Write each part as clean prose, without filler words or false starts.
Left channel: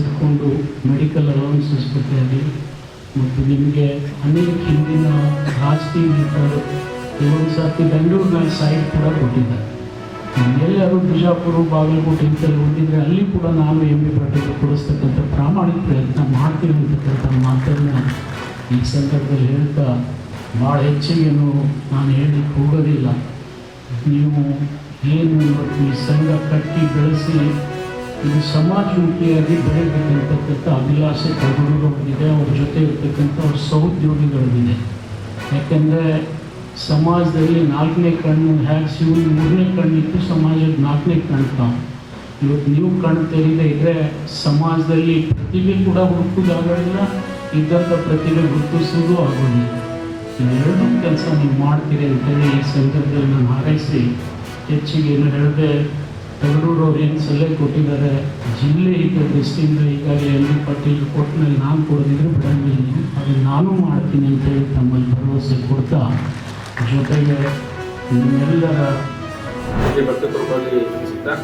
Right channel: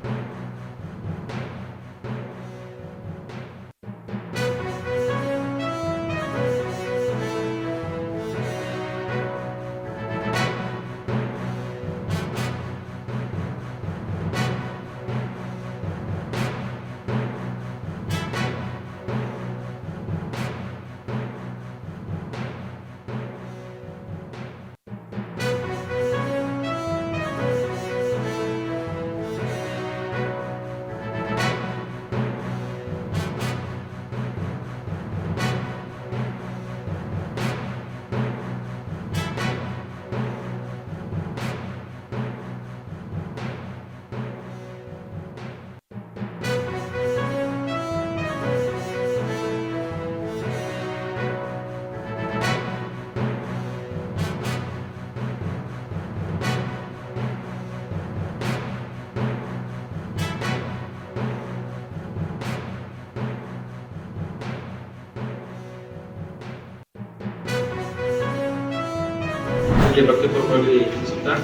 ಇಟ್ಕೊಂಡು medical allowances ಬಗ್ಗೆ ಮತ್ತು ನಿಮಗೆ ಅನೇಕ ಹಿಂದಿನ ಜಾಸ್ತಿ ಕೆಲವೊಂದು ಸರ್ತಿ ಬೆಂಗಳೂರಿನ ಸೈಡ್ ಕೂಡ ಕೊಟ್ಟಿದ್ದಾರೆ. ಎಲ್ಲರೂ ಬಿಜಾಪುರ ಬಾಗಲಕೋಟೆ ಇಂಥಲ್ಲಿ ಹೊಂದಿದ್ರೆ ಅಲ್ಲಿ ಕೂಡ ನಾನು MB ಪ್ರಕಲ್ಪ ಕೊಡಿಸ್ತಕ್ಕಂಥ ಪ್ರಾಮಾಣಿಕ ಪ್ರಯತ್ನ ಮಾಡ್ತೀನಿ ಅಂತಕ್ಕಂಥ ಮಾತನ್ನು ಈ ಸಂದರ್ಭದಲ್ಲಿ ಹೇಳ್ತಾ ಭಾಳ ಹೆಚ್ಚಿಗೇನು ನಾನು ಹೇಳಲಿಕ್ಕೆ ಹೋಗೋದಿಲ್ಲ. ನೀವು ಏನು ಈ ಸಂಘ ಕಟ್ಟಿ ಬೆಳೆಸಿ ಇದು ಸಮಾಜಮುಖಿಯಾಗಿ ಬೆಳೀಬೇಕಂತಕ್ಕಂಥ ಅಭಿಲಾಷೆ ಇದೆ. ಅವ್ರ ಜೊತೆ ಇರ್ತಕ್ಕಂಥ ಸಹೋದ್ಯೋಗಿಗಳಿದೆ. ಯಾಕೆಂದರೆ ಸಮಾಜದಲ್ಲಿ 4ನೇ ಕಣ್ಣು ಹೇಗೆ ಶಿವನ 3ನೇ ಕಣ್ಣಿತ್ತು, ಸಮಾಜಕ್ಕೆ 4ನೇ ಕಣ್ಣು ತಾವು. ಇವತ್ತು ನೀವು ಕಣ್ಣು ತೆರೀದೇ ಇದ್ದರೆ ಸಮಾಜದಲ್ಲಿ ಪ್ರತಿಭೆ ಕೂಡ ಹುಡುಕೋದಾಗೋದಿಲ್ಲ, ಇದ್ದಂಥ ಪ್ರತಿಭೆ ಗುರುತಿಸೋದು ಆಗೋದಿಲ್ಲ. ಎರಡೂ ಕೆಲಸ ನೀವು ಮಾಡ್ತೀರಿ ಅಂತೇಳಿ ಈ ಸಂದರ್ಭದಲ್ಲಿ ನಾನು ಹಾರೈಸಿ ಹೆಚ್ಚಿಗೆ ಏನು ಹೇಳಿದೆ. ತಗಡೂರು ಅವ್ರು ಏನು ಸಲಹೆ ಕೊಟ್ಟಿದ್ದಾರೆ, ಜಿಲ್ಲೆ ಈಗ ಡಿಸ್ಟಿಂಗ್ ಈಗಾಗಲೇ MB ಪಾಟೀಲ್ ಕೊಟ್ಟನಲ್ಲಿ ನಾನು ಕೊಡದಿದ್ರು ಬಿಡಂಗಿಲ್ಲ, ಅದನ್ನು ನಾನು ಮಾಡ್ತೀನಿ ಅಂತೇಳಿ ತಮ್ಮಲ್ಲಿ ಭರವಸೆ ಕೊಡ್ತಾ, ಜೊತೆಗೆ ನಿಮ್ಮೆಲ್ಲರ ಭಕ್ತಿಪೂರ್ವಕವಾಗಿ ತಿಳಿಸುತ್ತಾ,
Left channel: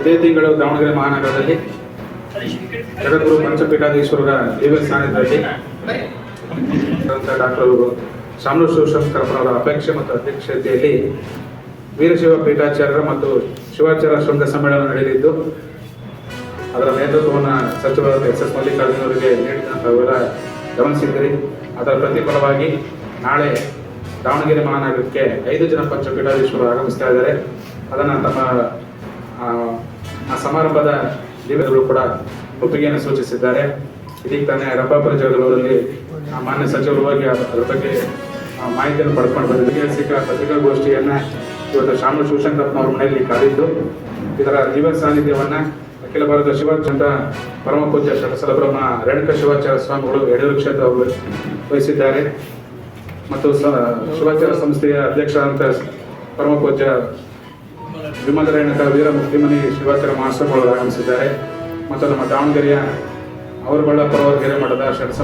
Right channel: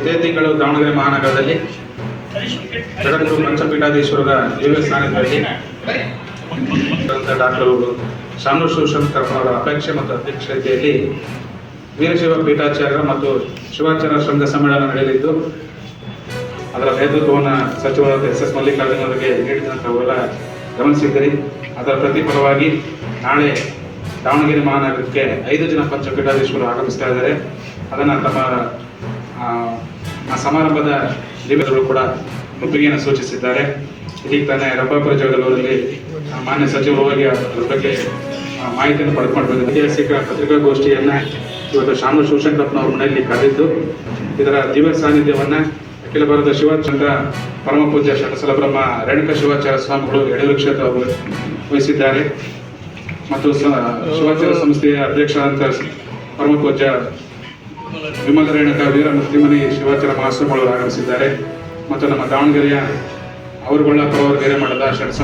ಇದೇ ತಿಂಗಳು ದಾವಣಗೆರೆ ಮಹಾನಗರದಲ್ಲಿ ಜಗದ್ಗುರು ಪಂಚಪೀಠಾಧೀಶ್ವರರ ದಿವ್ಯ ಸಾನ್ನಿಧ್ಯದಲ್ಲಿ ಡಾಕ್ಟರ್ ಶಾಮನೂರು ಶಿವಶಂಕರಪ್ಪನವರ ಅಪೇಕ್ಷೆ ಮತ್ತು ಅಧ್ಯಕ್ಷತೆಯಲ್ಲಿ ವೀರಶೈವ ಪೀಠಾಚಾರ್ಯರ ಮತ್ತು ಶಿವಾಚಾರ್ಯ ಶೃಂಗ ಸಮ್ಮೇಳನ ನಡೆಯಲಿದ್ದು, ಅದರ ನೇತೃತ್ವವನ್ನು ಸಚಿವರಾದ SS ಮಲ್ಲಿಕಾರ್ಜುನ ಅವರಿಗೆ ನೀಡಿದಂಥ ತಾವೆಲ್ಲ ಗಮನಿಸಿದ್ದೀರಿ. ಅದರ ಪ್ರತಿಫಲವಾಗಿ ನಾಳೆ ದಾವಣಗೆರೆ ಮಹಾನಗರಕ್ಕೆ 5 ಜನ ಪಂಚಪೀಠಾಧೀಶ್ವರರು ಆಗಮಿಸ್ತಾ ಇದ್ದಾರೆ. ಅದನ್ನು ತಮ್ಮ ಆ ಸಮಾರಂಭದ ದಿವ್ಯಗಳು ಕೂಡ ಒಪ್ಪಿಗೆಯನ್ನು ಸೂಚಿಸಿದ್ದಾರೆ. ಇದೀಗ ತಾನೇ ರಂಭಾಪುರ ಜಗದವರಲ್ಲಿ ಮಾನ್ಯ ಸಚಿವರು ಹೋಗಿ ಅದರ ಬಗ್ಗೆ ಮಾಹಿತಿಯನ್ನು ಪಡೆದುಕೊಂಡು ಬಂದಿದ್ದಾರೆ. ಐತಿಹಾಸಿಕ ಪತ್ರಿಕಾಗೋಷ್ಠಿಯನ್ನು ಇವತ್ತು ಶಾಮನೂರು ಶಿವಶಂಕರಪ್ಪನವ್ರ ಮನೆಯಲ್ಲಿ ಕಾದಿದ್ದು, ಇದರ ದಿವ್ಯ ಸಾನ್ನಿಧ್ಯವನ್ನು ಅಖಿಲ ಭಾರತ ಶಿವಾಚಾರ್ಯ ಪರಮ ಪೂಜ್ಯ ಶಟಸಲಬ್ರಹ್ಮ ರೇಣುಕಾ ಶಿವಾಚಾರ್ಯ ಸ್ವಾಮಿಗಳು ಯಡೂರು ಕ್ಷೇತ್ರ ಅವರು ವಹಿಸಿದ್ದಾರೆ. ಮತ್ತು ಶಿವಾಚಾರ್ಯ ಸಂಸ್ಥೆಯ ಅಧ್ಯಕ್ಷರಾದಂಥ ಪರಮ ಪೂಜ್ಯ ವಿಮಲ ರೇಣುಕಾ ವೀರ ಮುಕ್ತಿಮನಿ ಶಿವಾಚಾರ್ಯ ಮಹಾಸ್ವಾಮಿಗಳು ಆಗಮಿಸಿದ್ದಾರೆ. ಮತ್ತು ನಮ್ಮ ದಾವಣಗೆರೆಯ ಅವರುಗಳ ಪರವರ್ಗೆರೆ ಮಠದ